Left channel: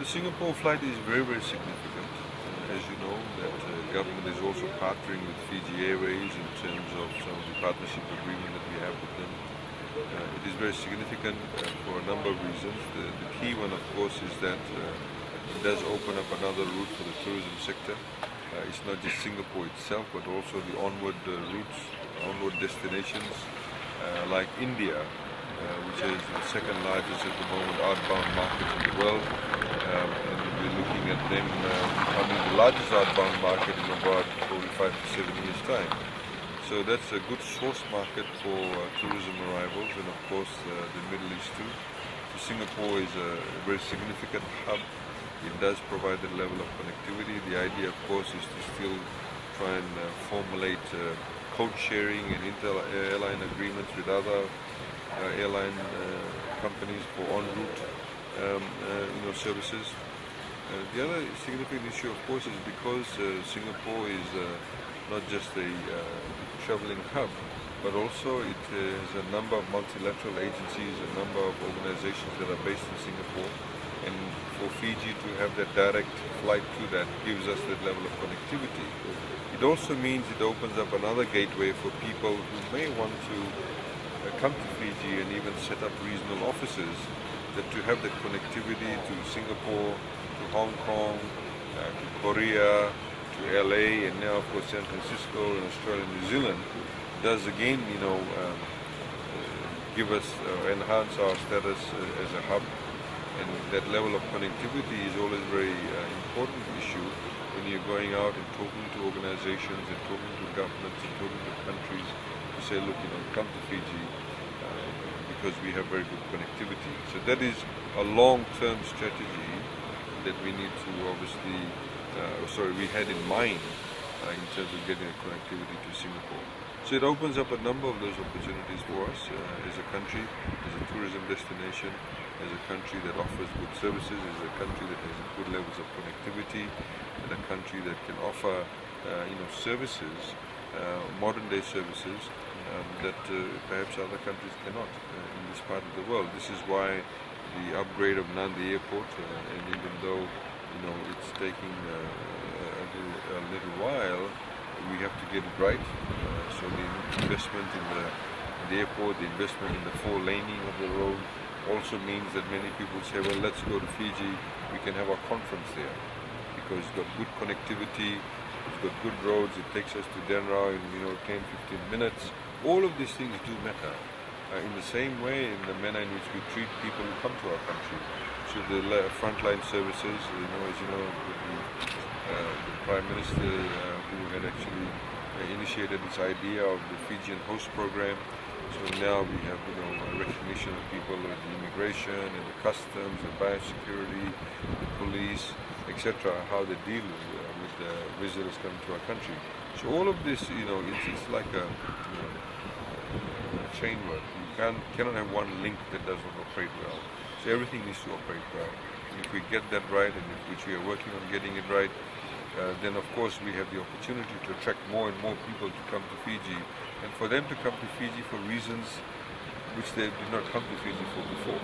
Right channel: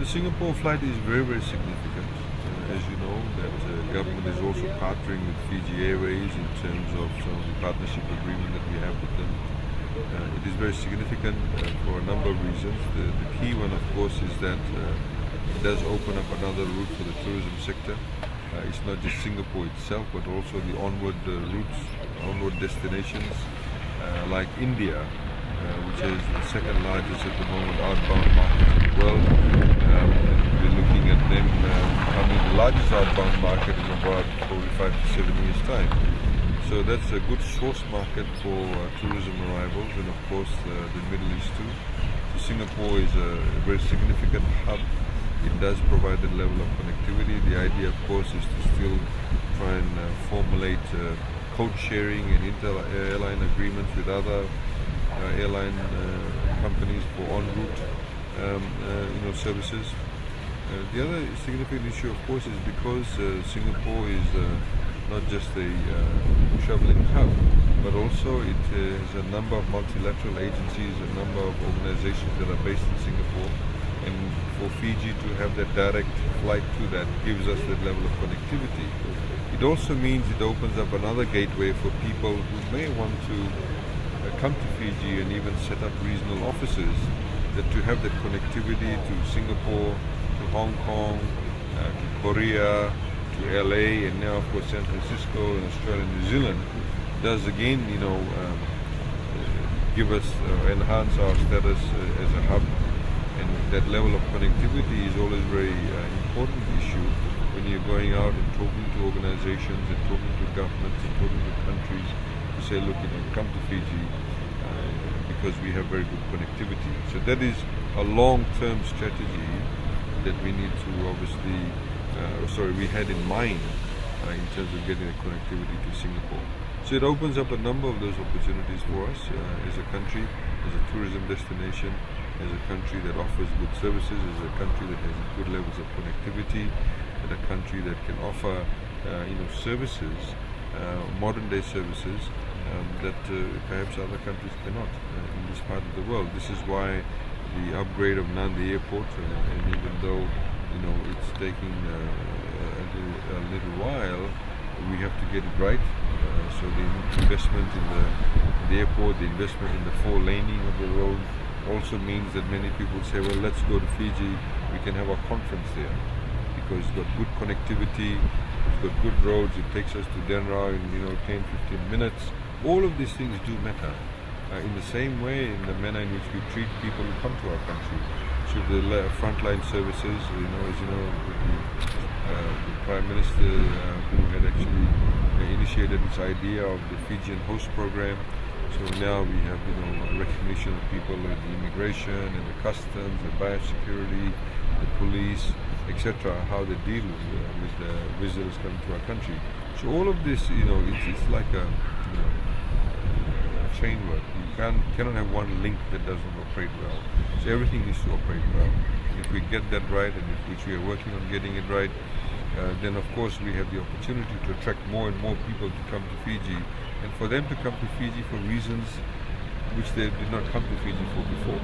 The Singapore flight is very, very significant. As you know, that government is also partnering with Fiji Airways in terms of some of the partnership agreement that we have with them. It is very significant for a number of reasons. The key one, of course, is that it does open up another route for the tourism sector. It's not just Singapore itself, but also the onward routes, onward destinations like India, which is the second largest at the moment outbound market in the world. And we're looking at them becoming the largest outbound market in about 45 to 7 years' time. So that's a good source market for tourism arrivals, and of course the Middle East too. So Singapore is a very significant hub. It does provide the level of connectivity. The idea, of course, is to still try and formulate code sharing and inter-airline agreements with other airline companies for en route services. The other significant issue, of course, is because Singapore is not just a traveling hub, but also it has a number of multilateral agencies, a number of organizations that are based in Singapore. And for Fiji to have that direct flight to that gives us that level of connectivity. It also means it opens up another gateway for people who may want to come to Fiji and even set up regional offices, that to have that connectivity to Singapore, to Hong Kong, to Korea, to LA, and now of course San Francisco and Australia and New Zealand does again, give us, enhance our status as a hub. And that level of connectivity is always a very important issue when you're going out and talking to organizations and talking to governments and talking to countries to say, look, come to Fiji because we have very good connectivity. So that is a long-term strategy that we need to obviously, we had in mind in terms of getting the connectivity to Singapore. So it opens up a number of those opportunities for us as a country, as a tourism destination, as a country that offers good services, as a country that has good levels of connectivity, as a country that can offer services, modern day services that perhaps other countries cannot in this part of the world. This is why the upgrade of Nandi Airport, and even though it's taking a little while, we have to get it right. So the investment in the airport, the investment in the 4-laning of the road also means that many people say, well, let's go to Fiji, we can have our conference there, because it's got good connectivity, it's got good roads, it takes us to Denrau in 10-15 minutes. All of these things do matter in the same way, in the manner in which we treat people who come to our country. So the frontline services, as you know, the Prime Minister who had actually initiated this idea of the Fijian host program. So now we have a recognition of people with the immigration and the customs, the biosecurity, the police, etc., how they deal with the visitors coming to our country. So all of this, it's like a chain work. You cannot have one link that doesn't operate well. So everything needs to operate well. And if we get that right, and which we are working on getting it right, then of course we have the opportunity to attract more and more people to come to Fiji, and for them to come to Fiji for reasons which they did not come to Fiji for before.